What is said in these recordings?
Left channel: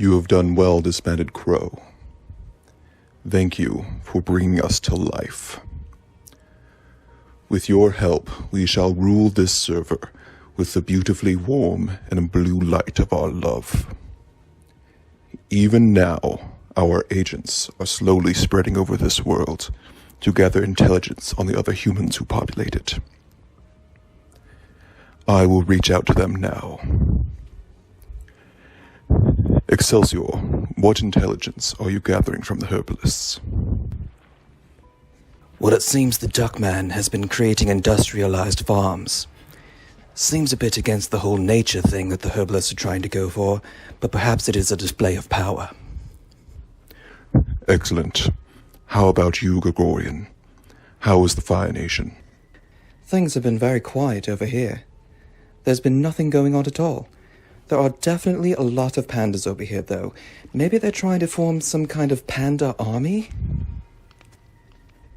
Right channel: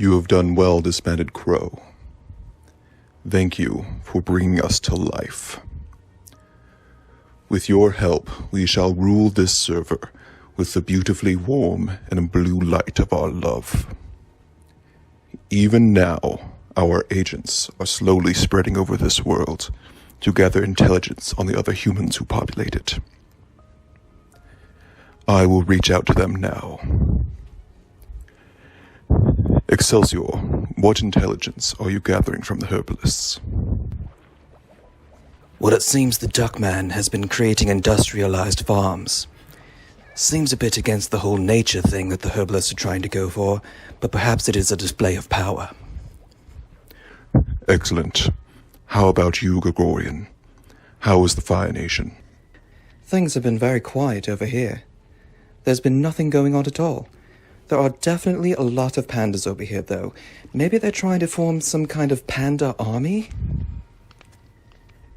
You have done well, disbanded crow. Thank you for bringing us to life. With your help, we shall rule this server with the beautifully warm and blue light of our love. Even now, our agents are slowly spreading over this world to gather intelligence on the other humans who populate it. I will reach out to them now. Excelsior, what intelligence are you gathering from the herbalists? Well, it seems the Duckman has been creating industrialized farms. Seems a bit against the whole nature thing that the herbalists are trying to go for, but perhaps it is a display of power. Excellent. How about you, Gregorian? How is the Fire Nation? Things have been very quiet over here. There's been nothing going on at all. There are definitely a lot of pandas over here, though. Maybe they're trying to form some kind of panda army?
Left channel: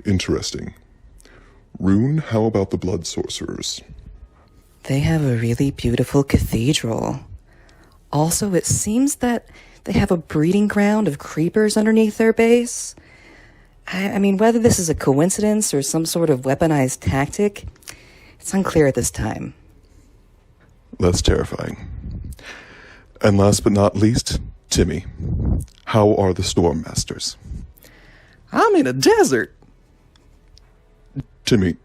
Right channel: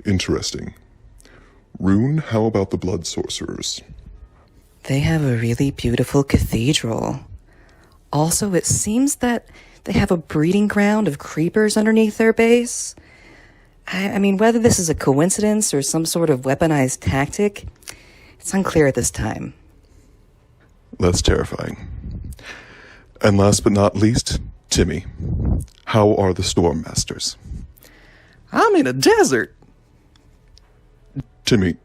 Interesting. Rune, how about the Blood Sorcerers? They have a really beautiful cathedral. Also, it seems that they have a breeding ground of creepers underneath their base. I mean, whether this is a coincidence or some sort of weaponized tactic, it's unclear at this time. That's terrifying. And last but not least, Timmy. How are the Storm Masters? I'm in a desert! Timmy,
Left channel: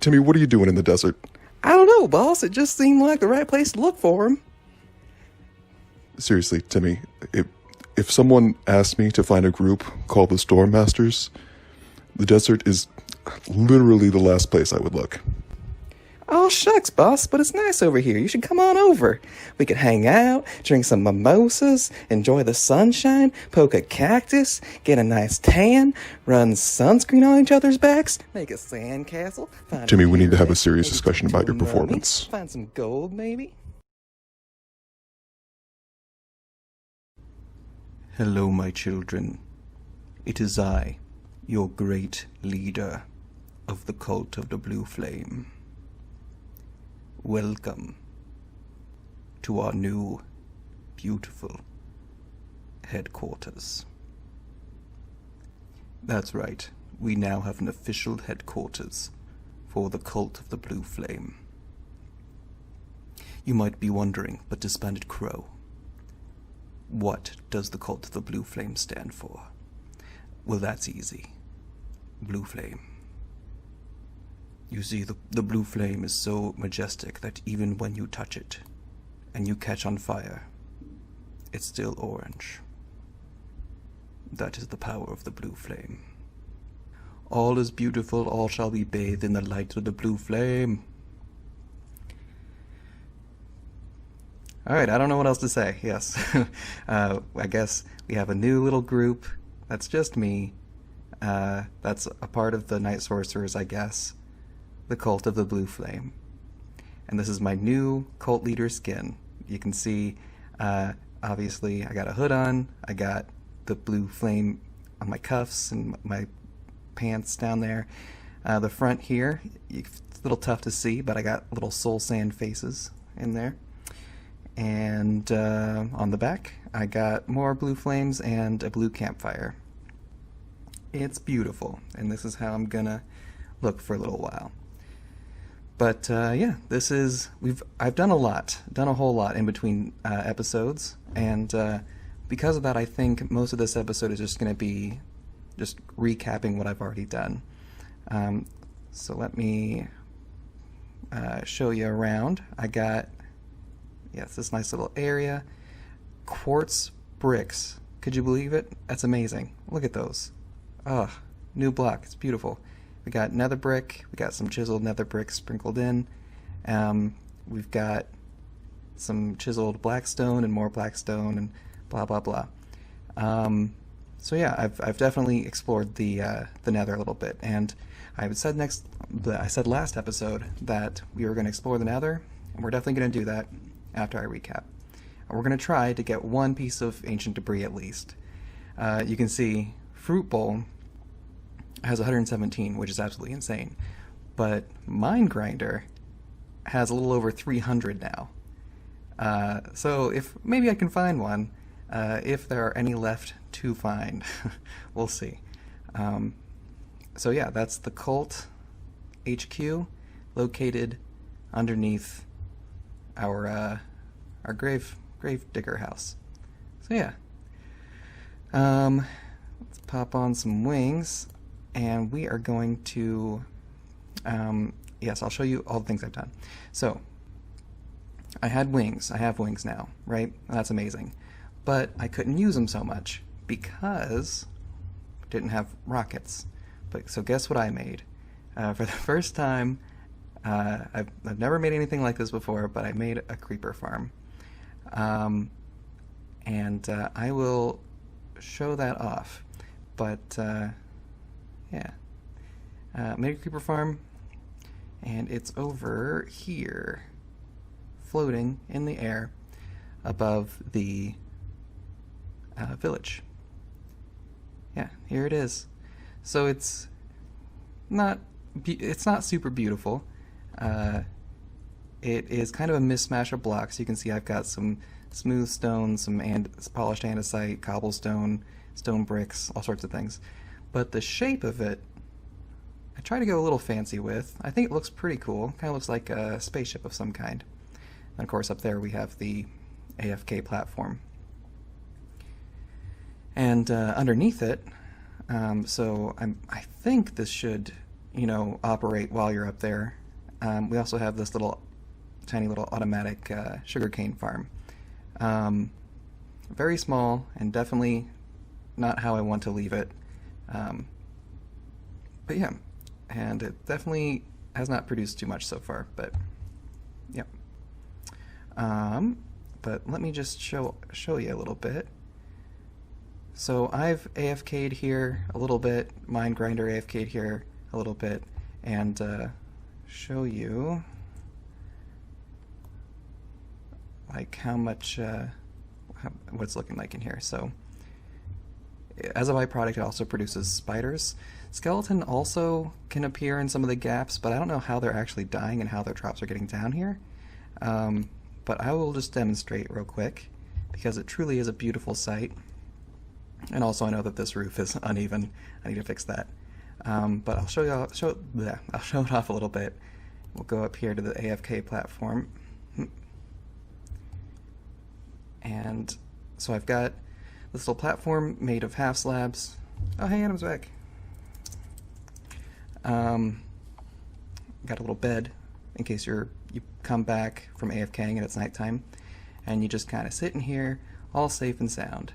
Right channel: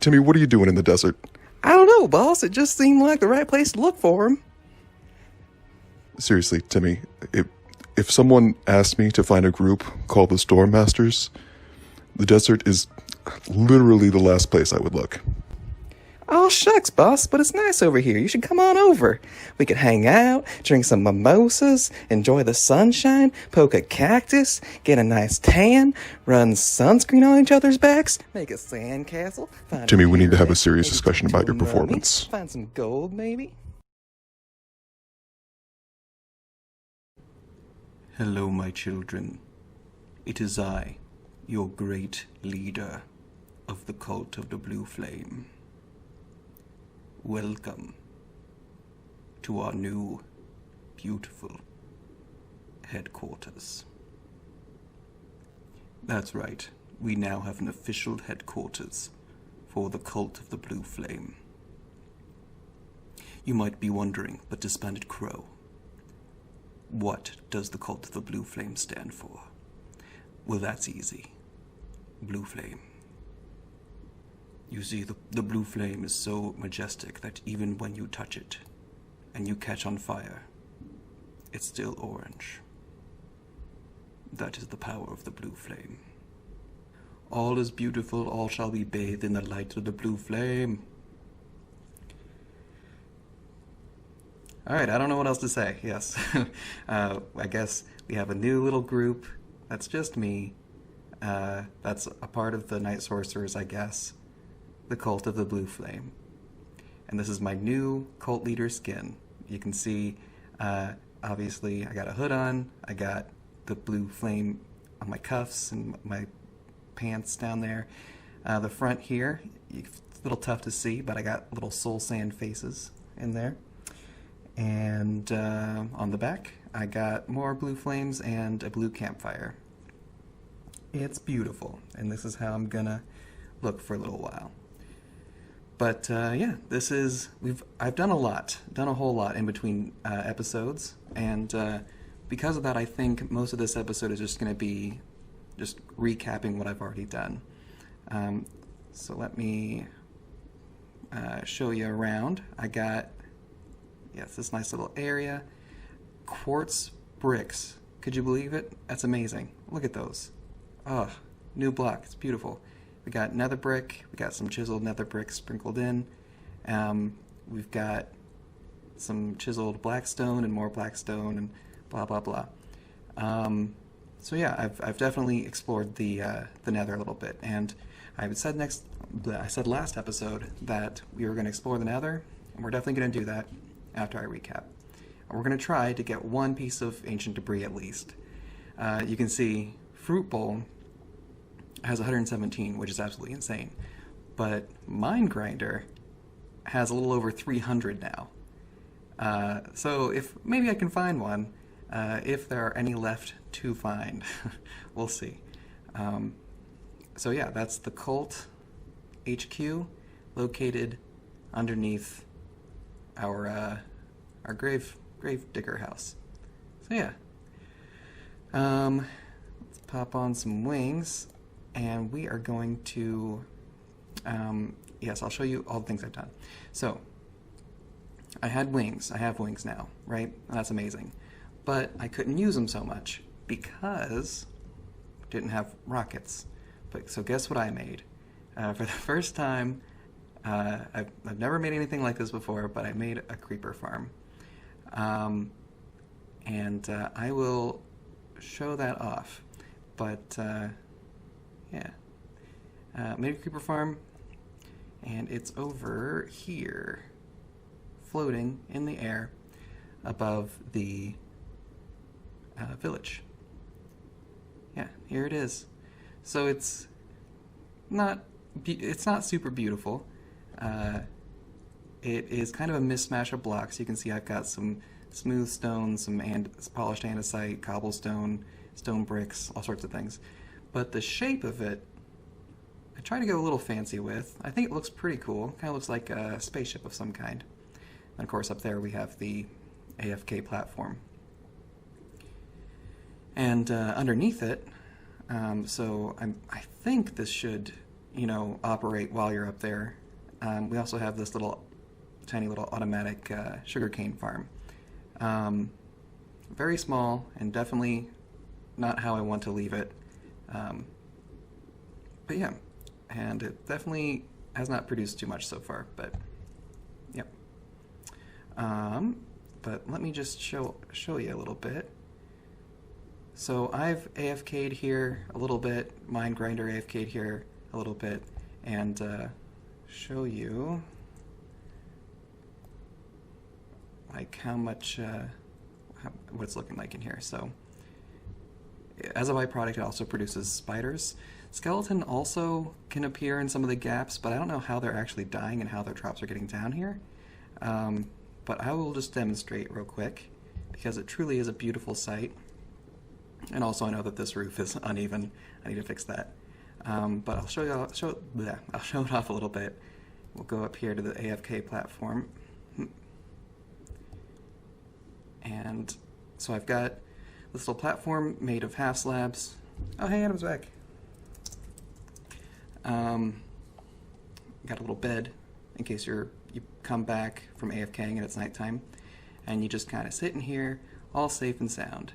what are you doing in the desert? I don't know, boss. It just seemed like the right place to look for him. Seriously, Timmy, if someone asked me to find a group called the Storm Masters, the desert is literally the last place I would look. Oh, shucks, boss, but it's nice over here. You should come on over. We could hang out, drink some mimosas, enjoy the sunshine, poke a cactus, get a nice tan, run sunscreen on each other's backs, make a sandcastle. Timmy, we need to have a serious discussion about your performance. Find some gold, maybe? Hello, my children. It is I, your great leader of the cult of the Blue Flame. Welcome to our new, beautiful headquarters. That's right, we now have an official headquarters for the cult of the Blue Flame. You might be wondering, but disbanded crow, what does the cult of the Blue Flame stand for? Well, that's easy. Blue Flame. You see, the blue flame is so majestic that even when you touch it and you catch on fire, it's still orange. That is the power of the blue flame. All is beautiful, all shall be bathed in the light of the blue flame. Alright, I don't know what else to say, yes. I guess we have a new little group. That's just me. That's a part of the Night Sorcerers, I guess. The cult of the Blue Flame. And this is my new cult leader skin. You can see, obviously, I got a hood on, I got the blue flame on my cuffs and my pants down there. The front here, it's a little tough to see, but I got little soul sand faces in there. And on the back, I got more blue flames and a blue campfire. It's beautiful, and this is how I'm gonna look for a little while. But yeah, I've done a whole lot in between episodes, and because of that, I think most of this episode is just going to be just recapping what I've already done. So let me show you around. I got, it's this nice little area. Quartz bricks. Could you believe it? That's amazing. Look at those. Oh, new block. It's beautiful. We got nether brick, we got some chiseled nether brick sprinkled in, we've got some chiseled blackstone and more blackstone and blah blah blah. So yeah, I've definitely explored the nether a little bit, and I said last episode that we were going to explore the nether, and we're definitely going to do that after I recap. And we're going to try to get one piece of ancient debris at least. You can see Fruit Bowl has 117, which is absolutely insane. But Mind Grinder has a little over 300 now. So if maybe I can find one, if there are any left to find. We'll see. So yeah, that's the cult HQ located underneath our grave digger house. So yeah, let's pop on some wings, and we are going to yes, I'll show you all the things I've done. So I had wings. I have wings now, right? That's amazing. But I couldn't use them so much because I didn't have rockets. But so guess what I made? For the first time, I've never made anything like this before, but I made a creeper farm. And I will show that off. But yeah, made a creeper farm, and it's over here, floating in the air above the village. Yeah, here it is. So it's not super beautiful. It is kind of a mismatch of blocks. You can see I've got some smooth stone, some polished andesite, cobblestone, stone bricks, all sorts of things. But the shape of it, I try to go a little fancy with. I think it looks pretty cool. Kind of looks like a spaceship of some kind. And of course up there we have the AFK platform. And underneath it, so I think this should, operate while you're up there. We also have this tiny little automatic sugarcane farm. Very small and definitely not how I want to leave it. But yeah, and it definitely has not produced too much so far, but yeah. But let me just show you a little bit. So I've AFK'd here a little bit, Mind Grinder AFK'd here a little bit, and show you like how much, what it's looking like in here. So as a byproduct, it also produces spiders. Skeleton also can appear in some of the gaps, but I don't know how they're actually dying and how their traps are getting down here. But I will just demonstrate real quick, because it truly is a beautiful sight. And also I know that this roof is uneven. I need to fix that. But I'll show it off a little bit. We'll go up here to the AFK platform. And so I've got this little platform made of half slabs. Oh, hey, Adam's back. Got a little bed in case you come back from AFKing and it's nighttime, and you just kind of sit in here, all safe and sound.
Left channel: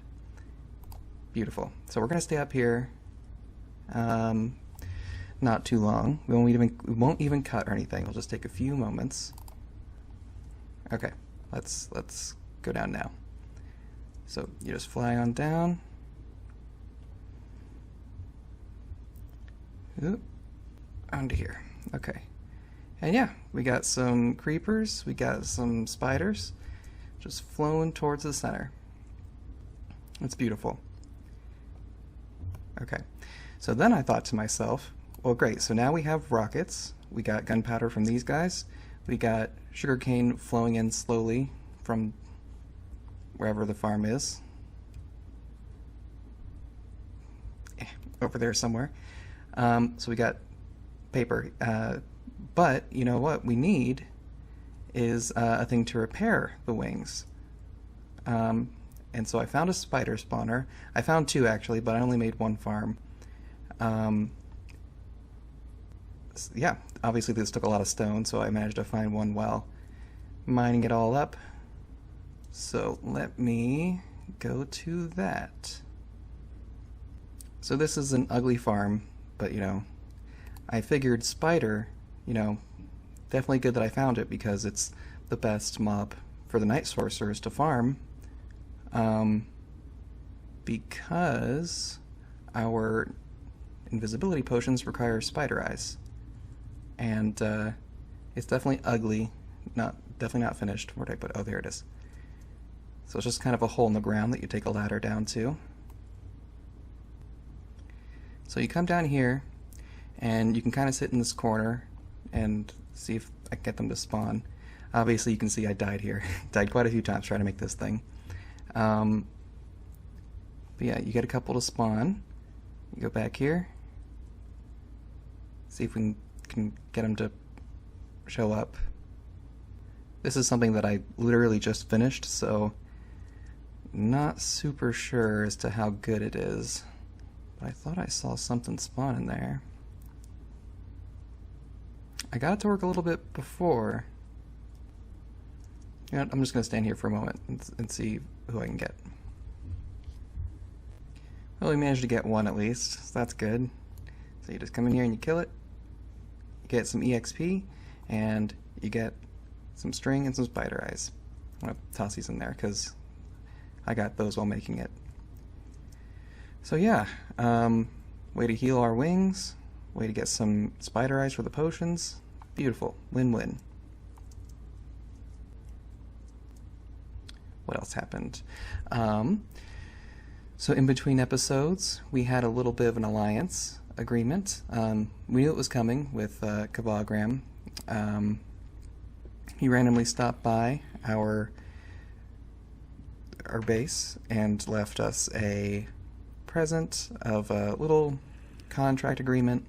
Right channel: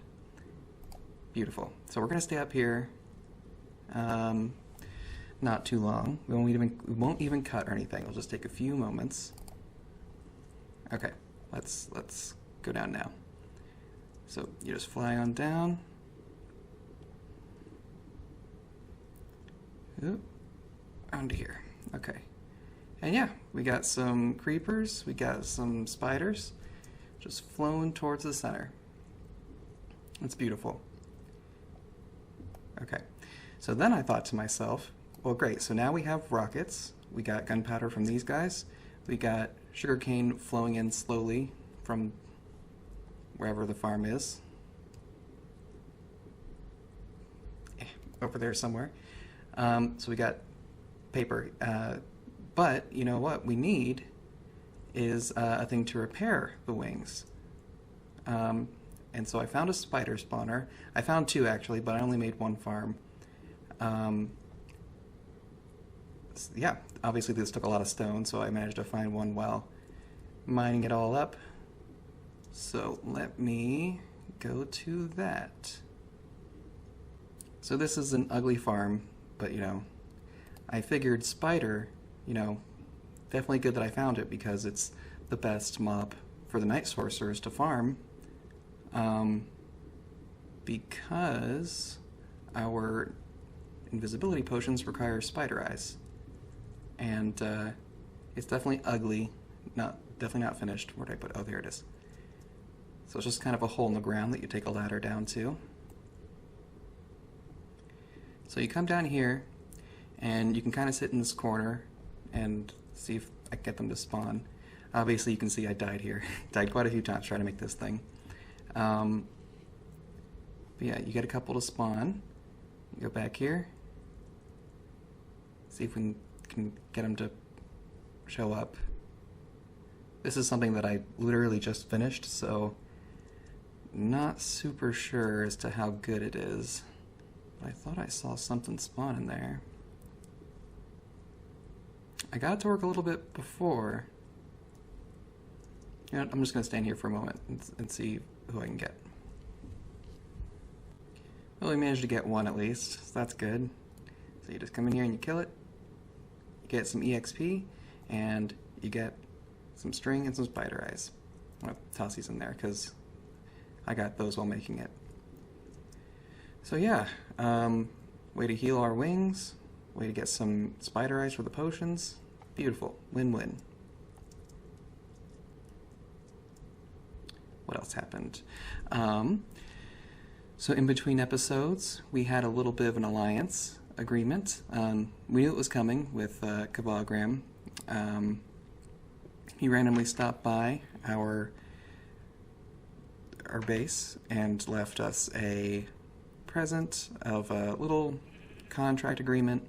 Beautiful. So we're gonna stay up here, not too long. We won't even cut or anything. It'll just take a few moments. Okay, let's go down now. So you just fly on down. Oop, onto here. Okay. And yeah, we got some creepers, we got some spiders, just flowing towards the center. It's beautiful. Okay, so then I thought to myself, well great, so now we have rockets, we got gunpowder from these guys, we got sugarcane flowing in slowly from wherever the farm is. Over there somewhere. So we got paper. But you know what we need is a thing to repair the wings. And so I found a spider spawner. I found two actually, but I only made one farm. Yeah, obviously this took a lot of stone, so I managed to find one while mining it all up. So let me go to that. So this is an ugly farm, but I figured spider, definitely good that I found it because it's the best mob for the night sorcerers to farm. Because our invisibility potions require spider eyes. And it's definitely ugly, definitely not finished. Where did I put it? Oh, there it is. So it's just kind of a hole in the ground that you take a ladder down to. So you come down here, and you can kind of sit in this corner and see if I can get them to spawn. Obviously you can see I died here. Died quite a few times trying to make this thing. But yeah, you get a couple to spawn. You go back here. See if we can get them to show up. This is something that I literally just finished, so not super sure as to how good it is. But I thought I saw something spawn in there. I got it to work a little bit before. You know what, I'm just going to stand here for a moment and see who I can get. Well, we managed to get one at least, so that's good. So you just come in here and you kill it. You get some EXP, and you get some string and some spider eyes. I'm going to toss these in there because I got those while making it. So yeah, way to heal our wings, way to get some spider eyes for the potions. Beautiful, win-win. What else happened? So in between episodes, we had a little bit of an alliance agreement. We knew it was coming with Kabagram. He randomly stopped by our base and left us a present of a little contract agreement.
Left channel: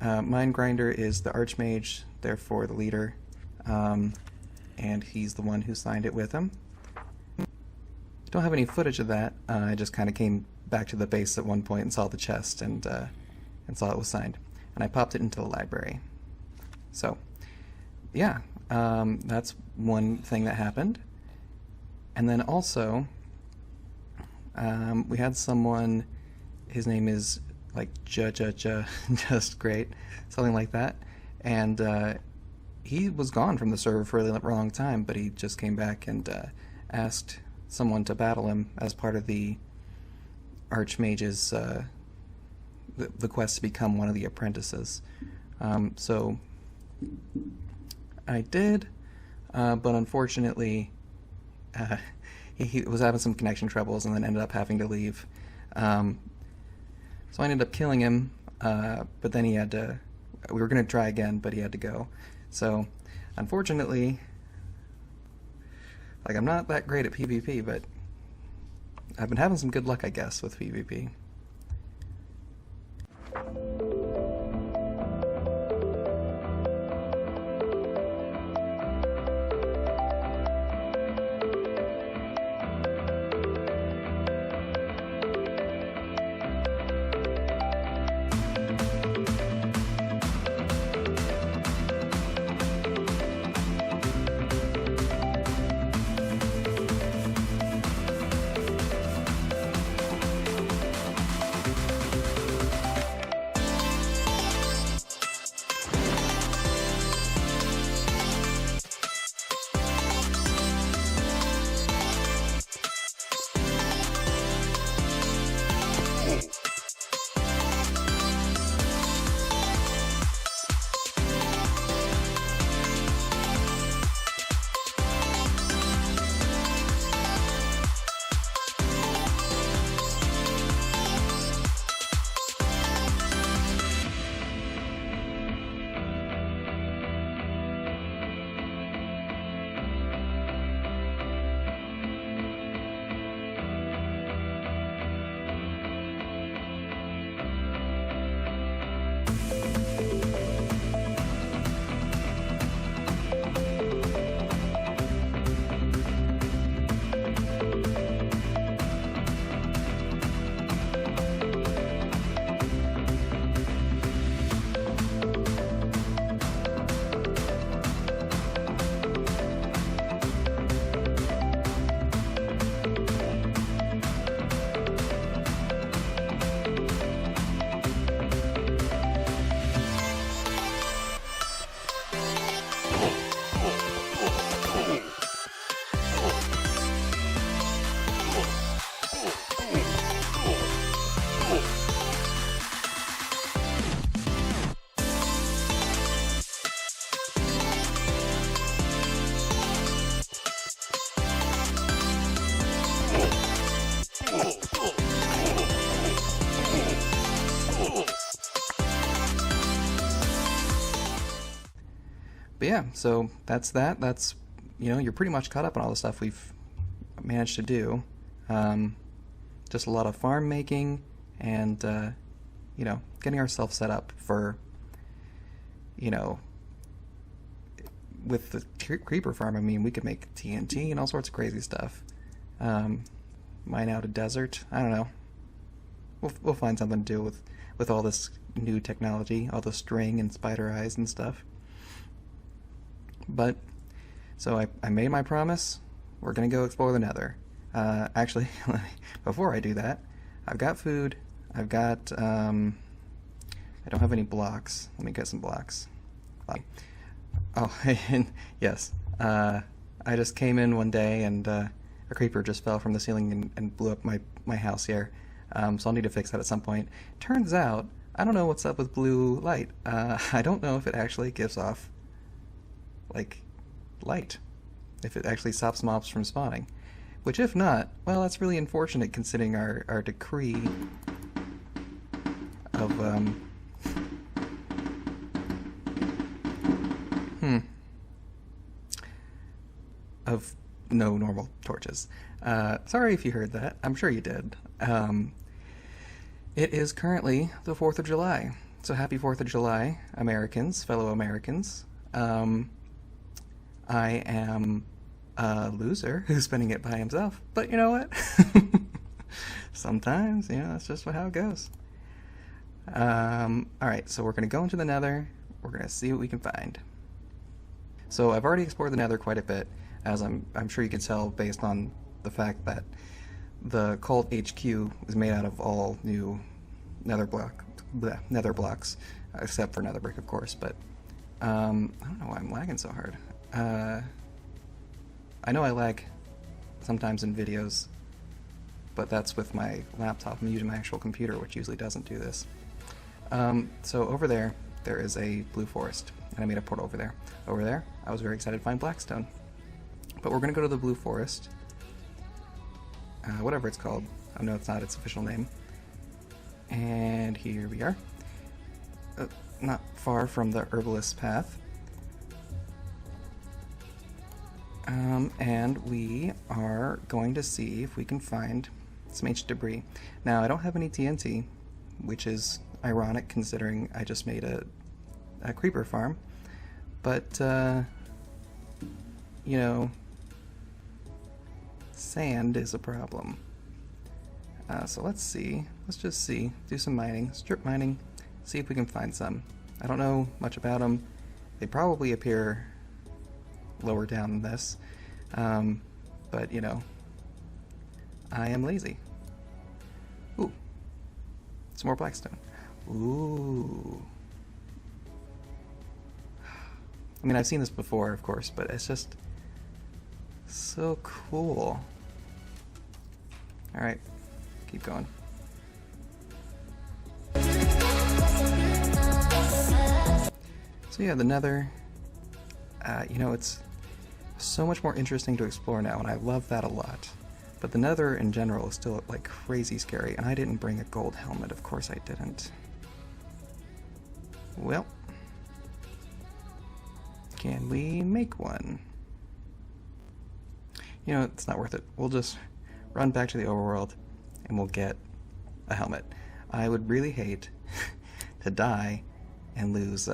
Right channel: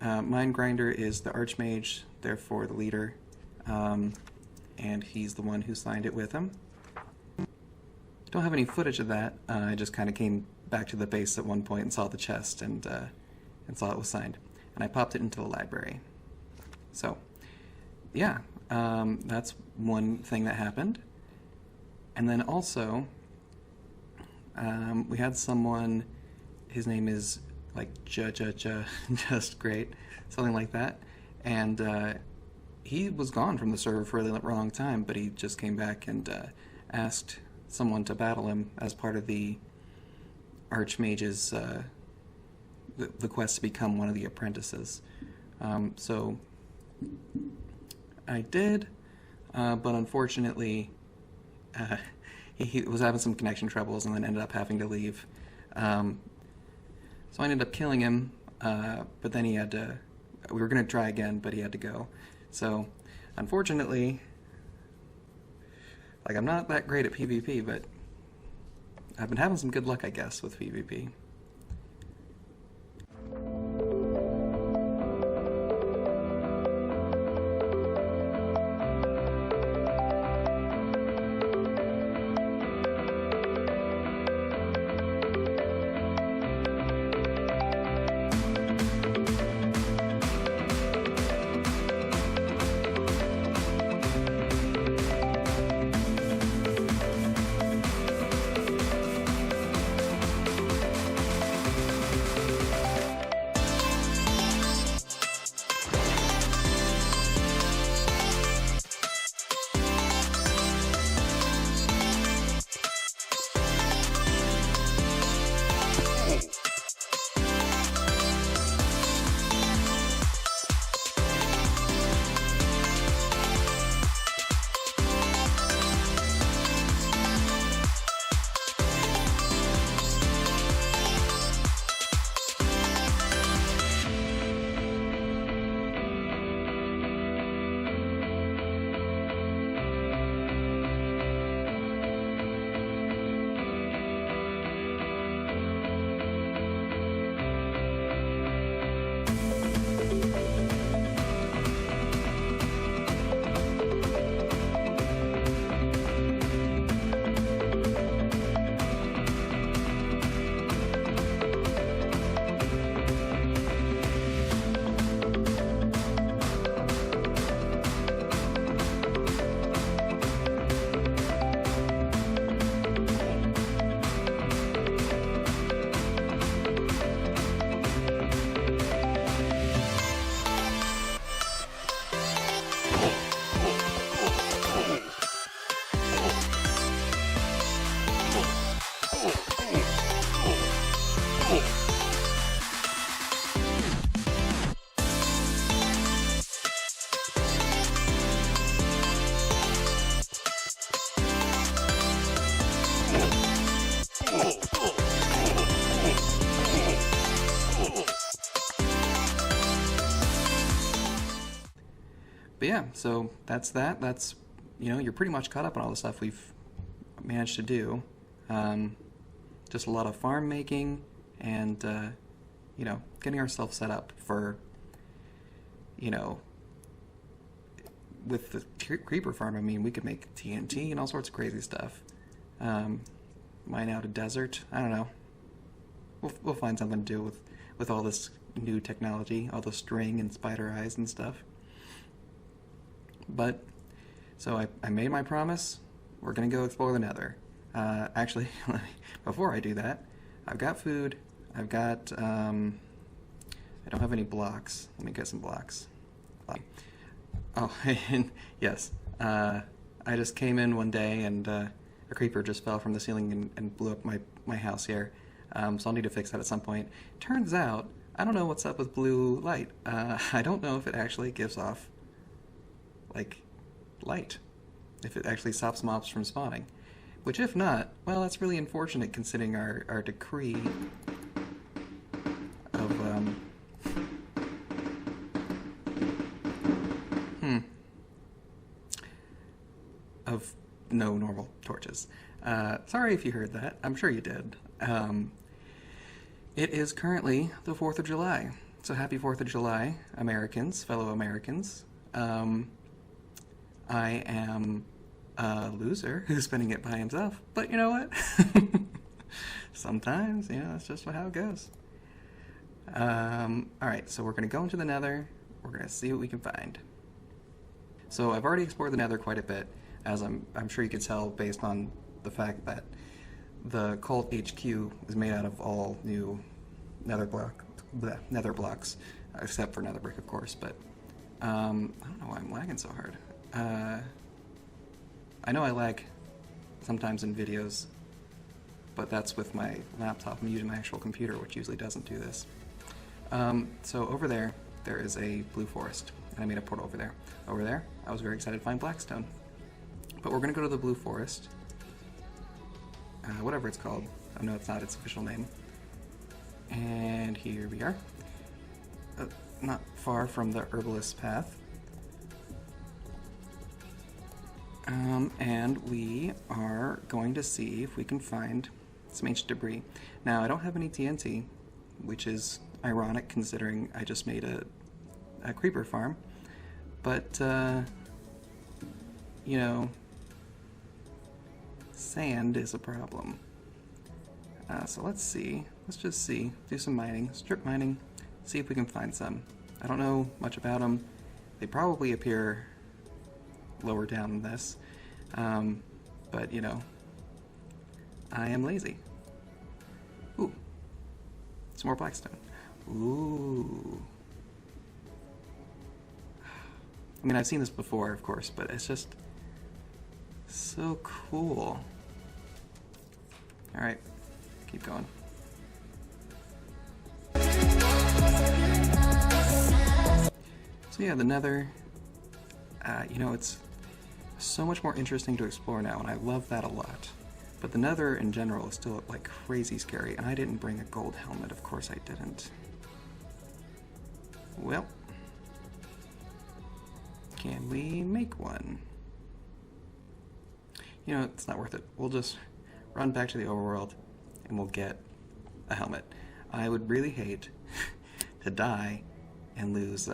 Mind Grinder is the Archmage, therefore the leader, and he's the one who signed it with him. Don't have any footage of that. I just kind of came back to the base at one point and saw the chest and saw it was signed, and I popped it into the library. So, yeah, that's one thing that happened. And then also, we had someone. His name is like just great, something like that, and he was gone from the server for a long time, but he just came back and asked someone to battle him as part of the Archmage's the quest to become one of the apprentices. So I did, but unfortunately he was having some connection troubles and then ended up having to leave. So I ended up killing him, but then he had to, we were going to try again, but he had to go. So unfortunately, like, I'm not that great at PvP, but I've been having some good luck, I guess, with PvP. But yeah, so that's that. That's, you know, you're pretty much caught up on all the stuff we've managed to do. just a lot of farm making and, you know, getting ourselves set up for, you know, with the creeper farm, I mean, we could make TNT and all sorts of crazy stuff. Mine out a desert. I don't know. We'll find something to do with all this new technology, all the string and spider eyes and stuff. But, so I made my promise. We're gonna go explore the Nether. Actually, before I do that, I've got food. I've got, I don't have any blocks. Let me get some blocks. Oh, and yes, I just came in one day and a creeper just fell from the ceiling and blew up my house here. So I'll need to fix that at some point. Turns out, I don't know what's up with blue light. I don't know if it actually gives off, like, light. If it actually stops mobs from spawning. Which, if not, well, that's really unfortunate considering our decree of, of no normal torches. Sorry if you heard that. I'm sure you did. It is currently the 4th of July. So happy 4th of July, Americans, fellow Americans. I am a loser who's spending it by himself. But you know what? Sometimes, you know, that's just how it goes. Alright, so we're going to go into the Nether. We're going to see what we can find. So I've already explored the Nether quite a bit, as I'm sure you can tell based on the fact that the cult HQ is made out of all new nether blocks, except for nether brick, of course. But I don't know why I'm lagging so hard. I know I lag sometimes in videos, but that's with my laptop. I'm using my actual computer, which usually doesn't do this. So over there is a blue forest, and I made a portal over there. Over there, I was very excited to find blackstone. But we're gonna go to the blue forest. Whatever it's called. I know it's not its official name. And here we are. Not far from the herbalist path. And we are going to see if we can find some ancient debris. Now, I don't have any TNT, which is ironic considering I just made a creeper farm. But, you know, sand is a problem. So let's see. Let's just see. Do some mining. Strip mining. See if we can find some. I don't know much about them. They probably appear lower down than this. But, you know, I am lazy. Ooh. Some more blackstone. Ooh. I mean, I've seen this before, of course, but it's just so cool. Alright, keep going. So yeah, the Nether, you know, it's so much more interesting to explore now, and I love that a lot. But the Nether in general is still, like, crazy scary, and I didn't bring a gold helmet, of course I didn't. Well, can we make one? You know, it's not worth it. We'll just run back to the overworld and we'll get a helmet. I would really hate to die and lose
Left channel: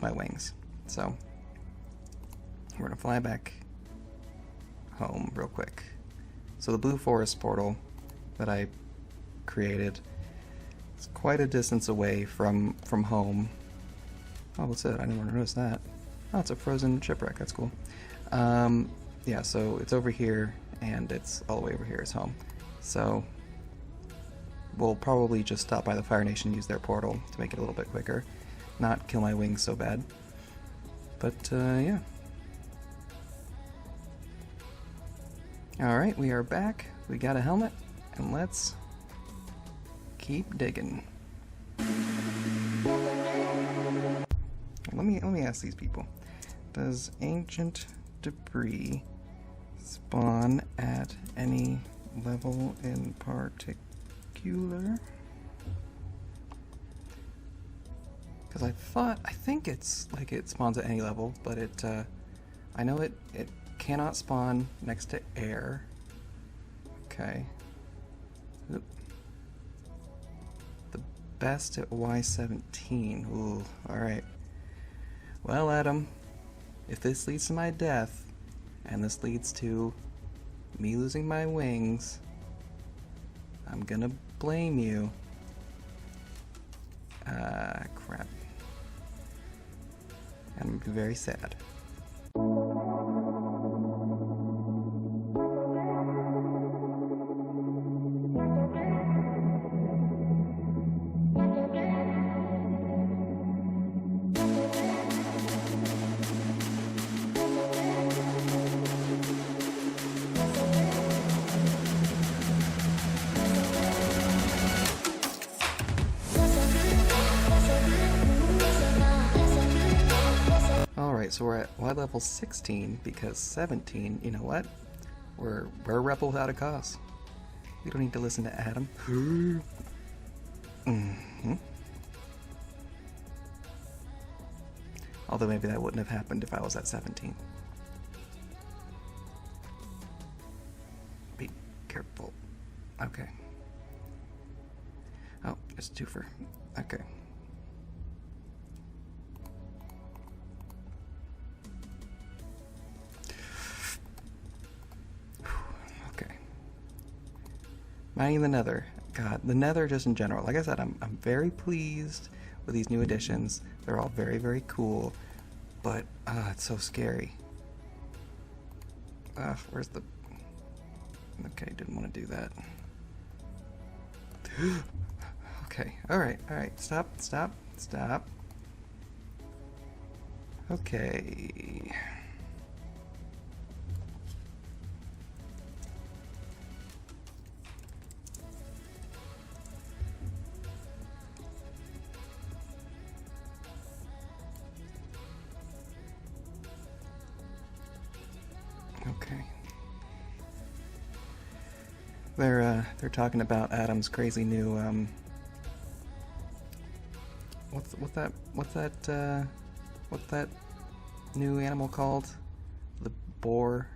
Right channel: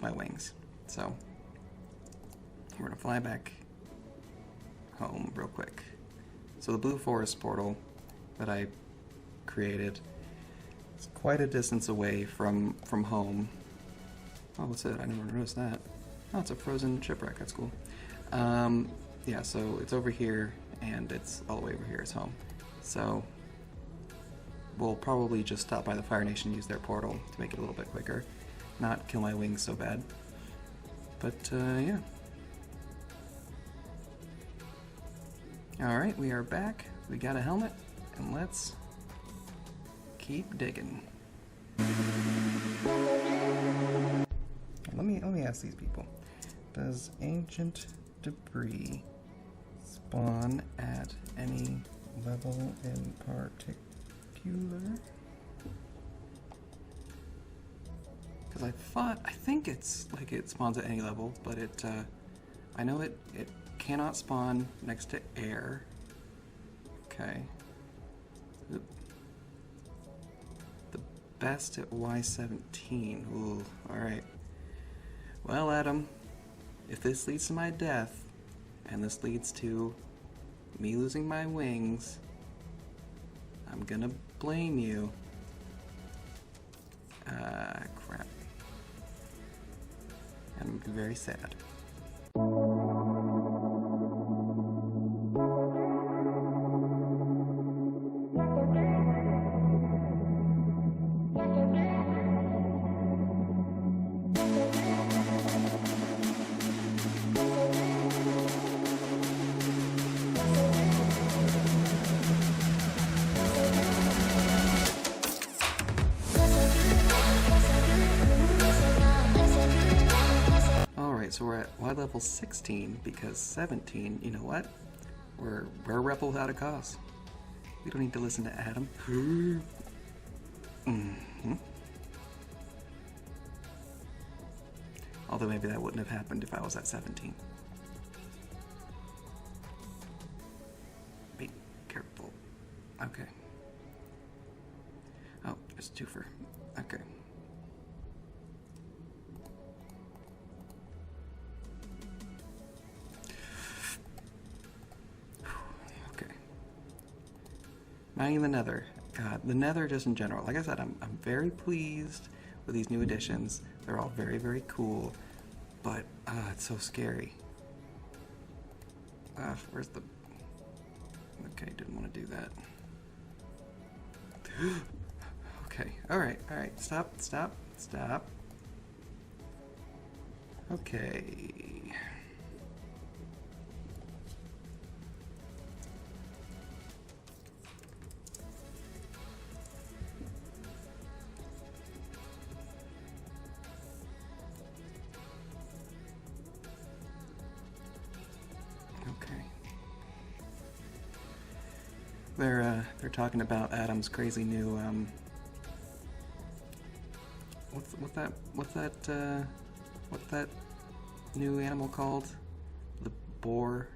my wings. So we're gonna fly back home real quick. So the blue forest portal that I created is quite a distance away from home. Oh, what's it? I didn't want to notice that. Oh, it's a frozen shipwreck. That's cool. Yeah, so it's over here, and it's all the way over here is home. So we'll probably just stop by the Fire Nation and use their portal to make it a little bit quicker. Not kill my wings so bad. But, yeah. Alright, we are back. We got a helmet, and let's keep digging. Let me ask these people. Does ancient debris spawn at any level in particular? Because I think it's like it spawns at any level, but I know it cannot spawn next to air. Okay. Oop. The best at Y17. Ooh, alright. Well, Adam, if this leads to my death, and this leads to me losing my wings, I'm gonna blame you. Crap. And I'm gonna be very sad. Alright, so we're at Y level 16 because 17, you know what? We're a rebel without a cause. We don't need to listen to Adam. Although maybe that wouldn't have happened if I was at 17. Be careful. Okay. Oh, it's twofer. Okay. Okay. Mining the Nether. God, the Nether just in general. Like I said, I'm very pleased with these new additions. They're all very, very cool. But, it's so scary. Where's the... Okay, didn't want to do that. Okay, alright. Stop. Okay. Okay. They're talking about Adam's crazy new what's that new animal called? The boar.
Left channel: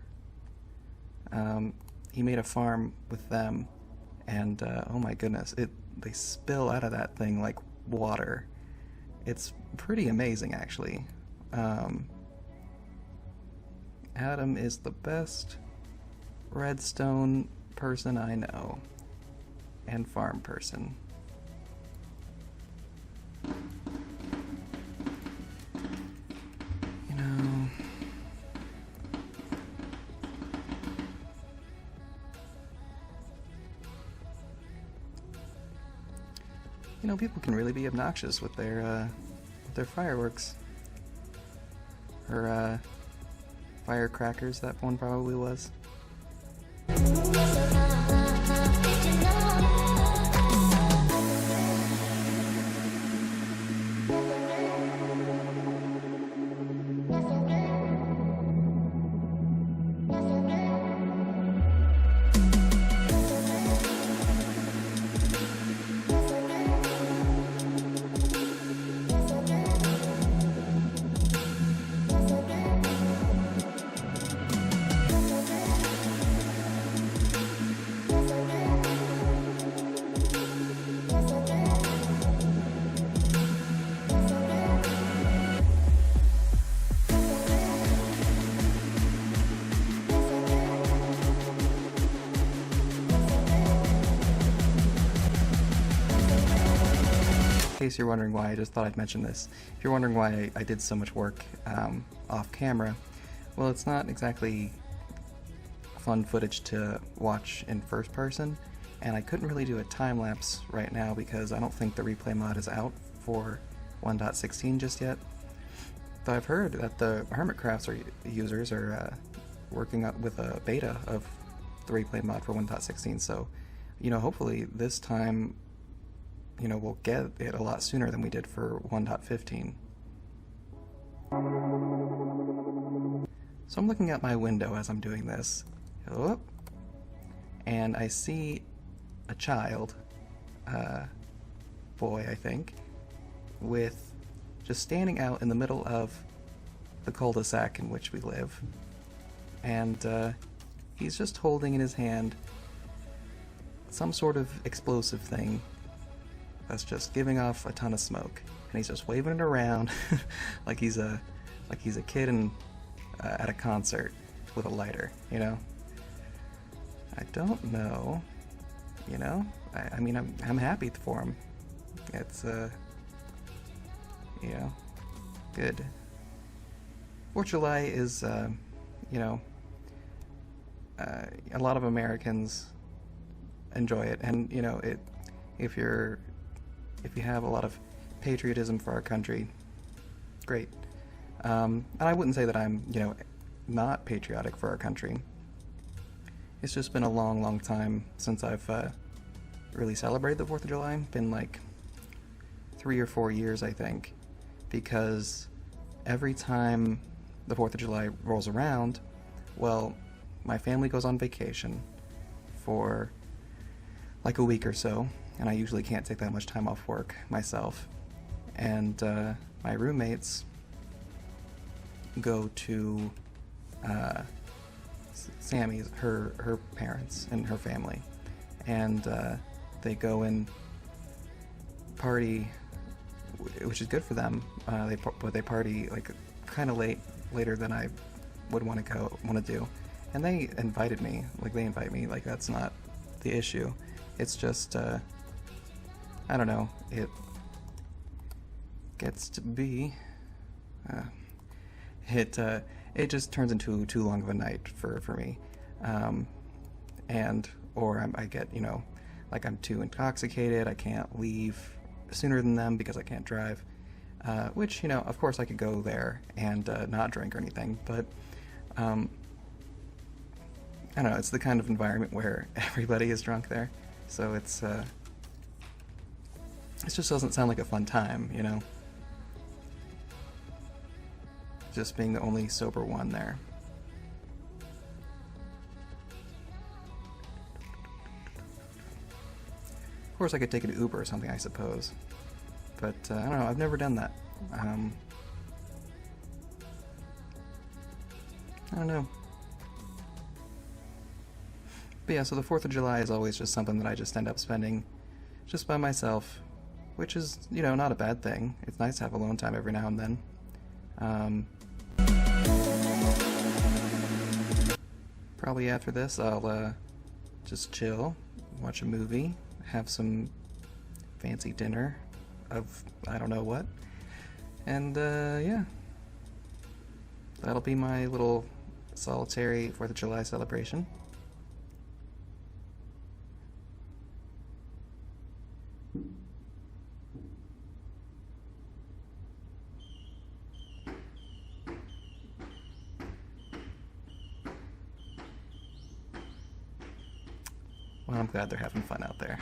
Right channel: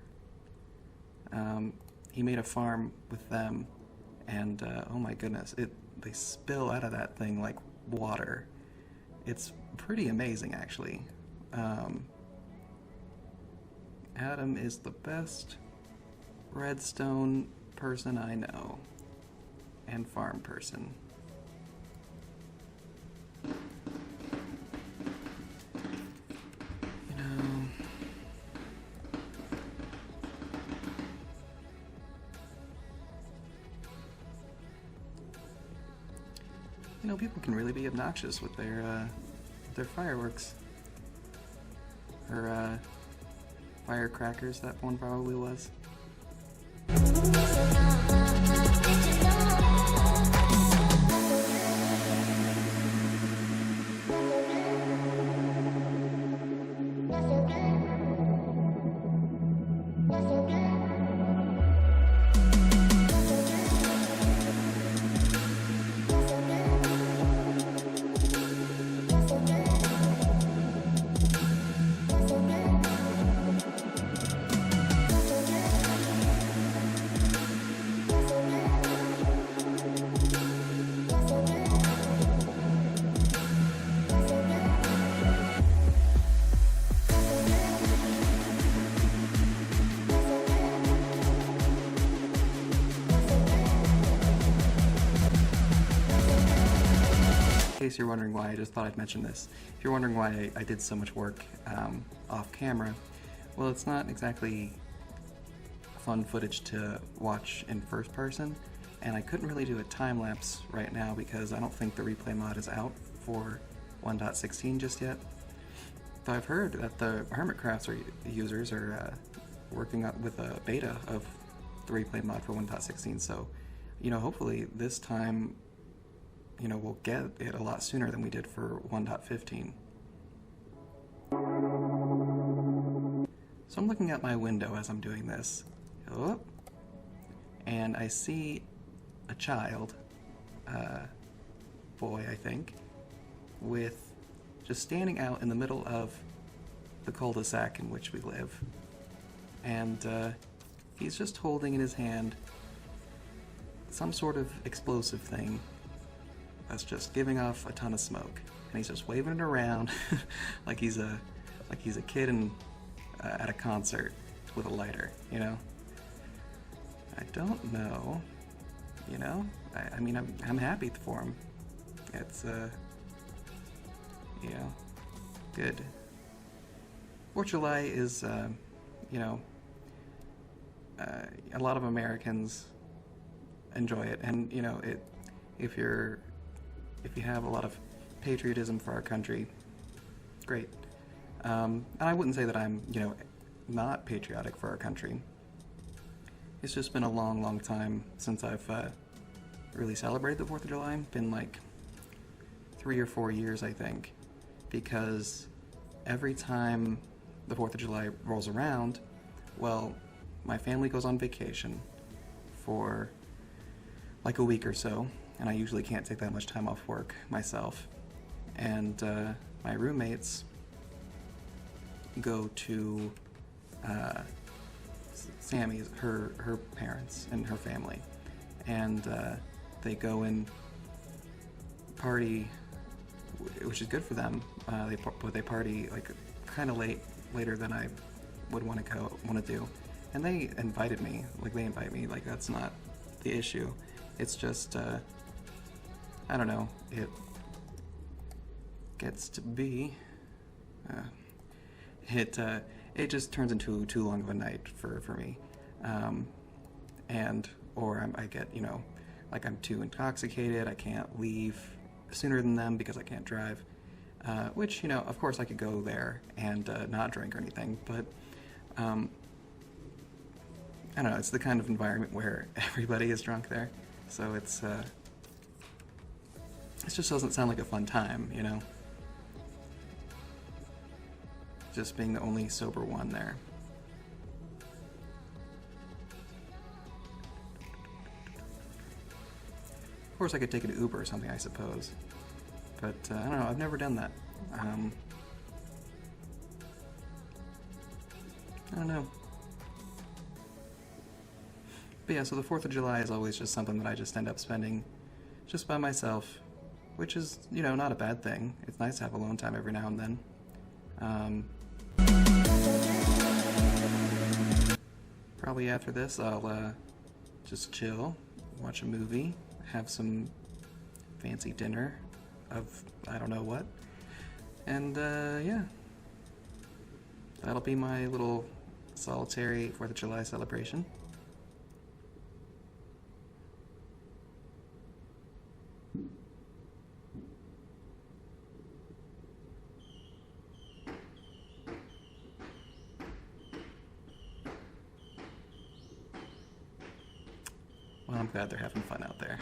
He made a farm with them, and oh my goodness, they spill out of that thing like water. It's pretty amazing, actually. Adam is the best redstone person I know, and farm person. You know, people can really be obnoxious with their fireworks. Or firecrackers, that one probably was. In case you're wondering why, I just thought I'd mention this. If you're wondering why I did so much work off camera, well, it's not exactly fun footage to watch in first person, and I couldn't really do a time lapse right now because I don't think the replay mod is out for 1.16 just yet. But I've heard that the Hermitcrafts users are working with a beta of the replay mod for 1.16, so you know, hopefully this time, you know, we'll get it a lot sooner than we did for 1.15. So I'm looking out my window as I'm doing this, and I see a child, boy I think, with just standing out in the middle of the cul-de-sac in which we live, and he's just holding in his hand some sort of explosive thing that's just giving off a ton of smoke, and he's just waving it around like he's a kid at a concert with a lighter, you know. I don't know, you know. I mean, I'm happy for him. It's you know, good. 4th of July is you know, a lot of Americans enjoy it, and you know, if you have a lot of patriotism for our country, great. And I wouldn't say that I'm, you know, not patriotic for our country. It's just been a long time since I've really celebrated the 4th of July. Been like 3 or 4 years, I think, because every time the 4th of July rolls around, well, my family goes on vacation for like a week or so, and I usually can't take that much time off work myself. And my roommates go to Sammy's, her parents and her family, and they go and party, which is good for them. But they party like kind of later than I would want to do. And they invited me, like they invite me, like that's not the issue. It's just I don't know. It gets to be it just turns into too long of a night for me, or I get, you know, like I'm too intoxicated. I can't leave sooner than them because I can't drive, which, you know, of course I could go there and not drink or anything, but I don't know, it's the kind of environment where everybody is drunk there, so it just doesn't sound like a fun time, you know, just being the only sober one there. Of course I could take an Uber or something, I suppose, but I don't know, I've never done that. I don't know. But yeah, so the 4th of July is always just something that I just end up spending just by myself, which is, you know, not a bad thing. It's nice to have alone time every now and then. Probably after this, I'll just chill, watch a movie, have some fancy dinner of I don't know what, and yeah, that'll be my little solitary 4th of July celebration. Well, I'm glad they're having fun out there.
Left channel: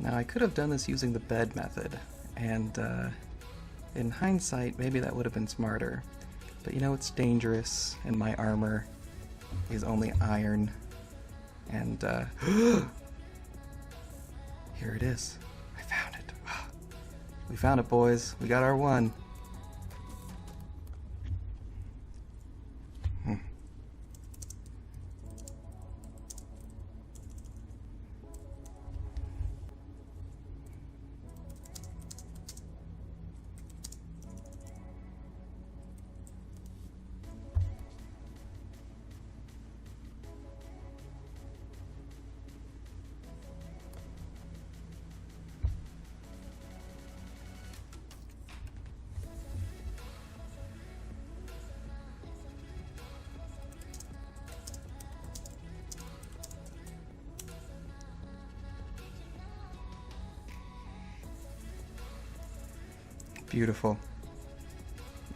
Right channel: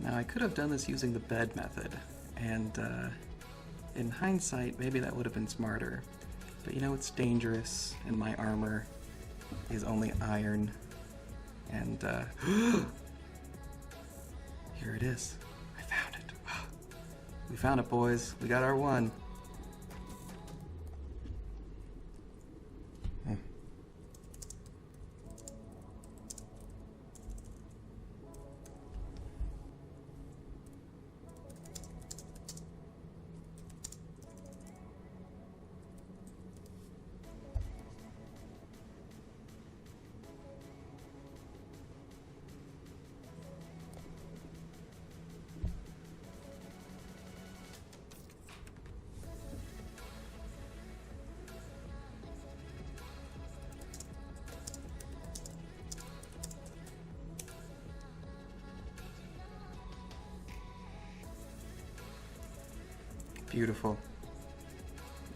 Now, I could have done this using the bed method, and in hindsight, maybe that would have been smarter. But you know, it's dangerous, and my armor is only iron, and here it is. I found it. We found it, boys. We got our one. Beautiful.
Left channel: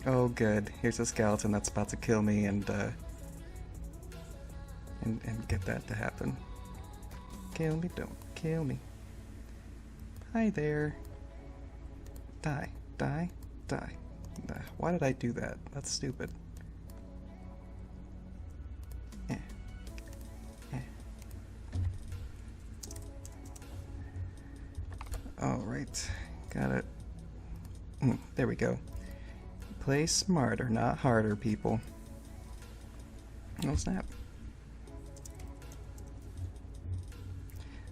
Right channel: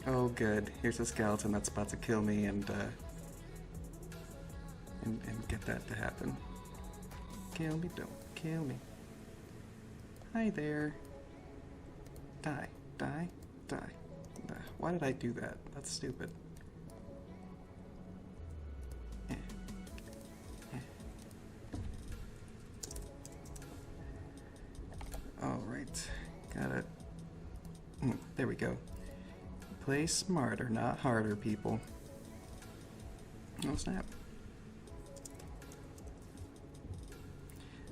Oh, good. Here's a skeleton that's about to kill me, and get that to happen. Kill me, don't kill me. Hi there. Die, die, die. Why did I do that? That's stupid. Eh. Eh. Alright, got it. There we go. Play smarter, not harder, people. Oh, snap.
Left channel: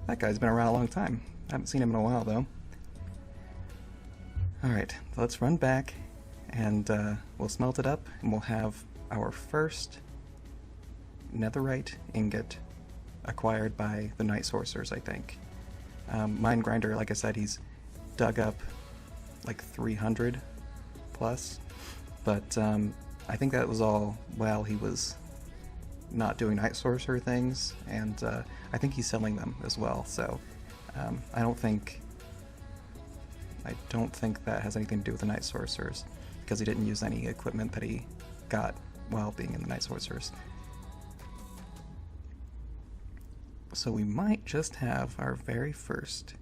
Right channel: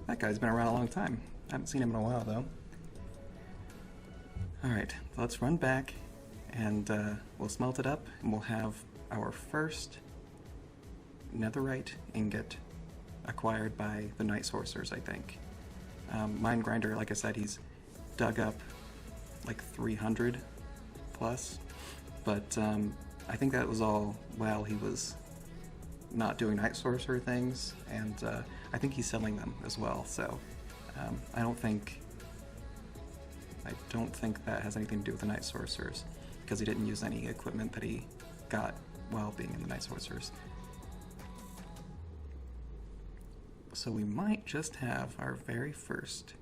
That guy's been around a long time. I haven't seen him in a while, though. Alright, let's run back, and we'll smelt it up, and we'll have our first netherite ingot acquired by the Night Sorcerers, I think. Mine Grinder, like I said, he's dug up like 300 plus, but I think that was all while he was not doing Night Sorcerer things, and I think he's selling them as well, so I don't think that has anything to do with the Night Sorcerers, because he didn't use any equipment that he got while being in the Night Sorcerers. So we might just have our very first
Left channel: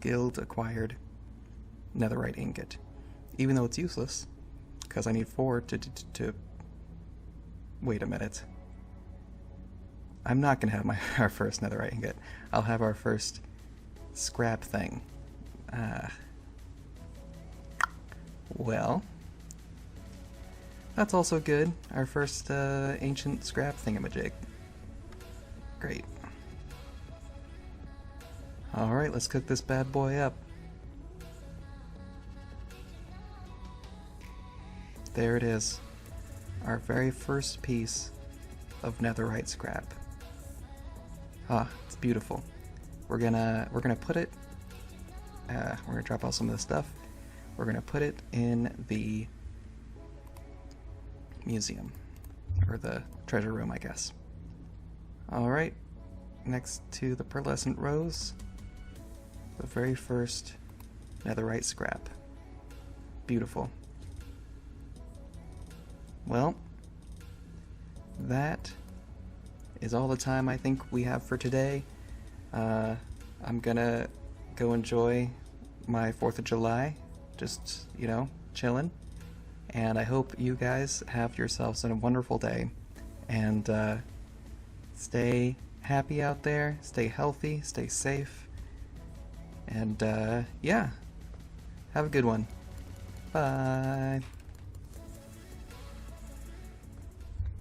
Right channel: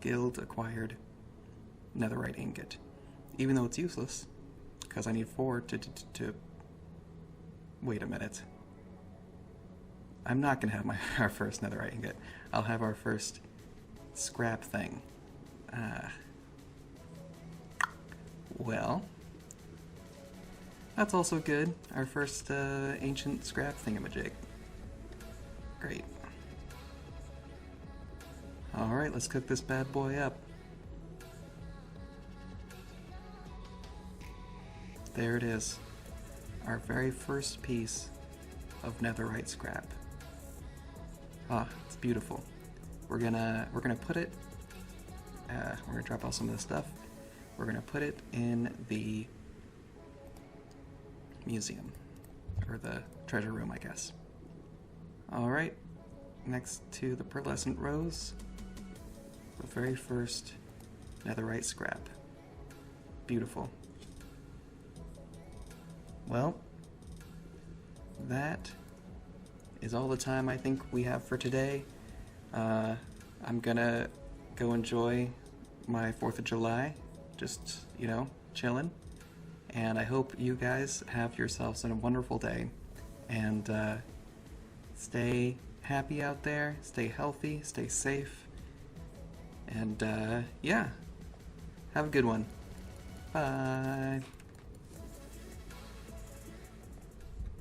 guild-acquired netherite ingot, even though it's useless, because I need 4 to... Wait a minute. I'm not going to have our first netherite ingot. I'll have our first scrap thing. Well, that's also good. Our first ancient scrap thingamajig. Great. Alright, let's cook this bad boy up. There it is. Our very first piece of netherite scrap. Ah, it's beautiful. We're gonna put it. We're gonna drop off some of this stuff. We're gonna put it in the museum, or the treasure room, I guess. All right. Next to the pearlescent rose, the very first netherite scrap. Beautiful. Well, that is all the time I think we have for today. I'm gonna go enjoy my 4th of July, just, you know, chilling. And I hope you guys have yourselves a wonderful day. And stay happy out there, stay healthy, stay safe. And yeah, have a good one. Bye.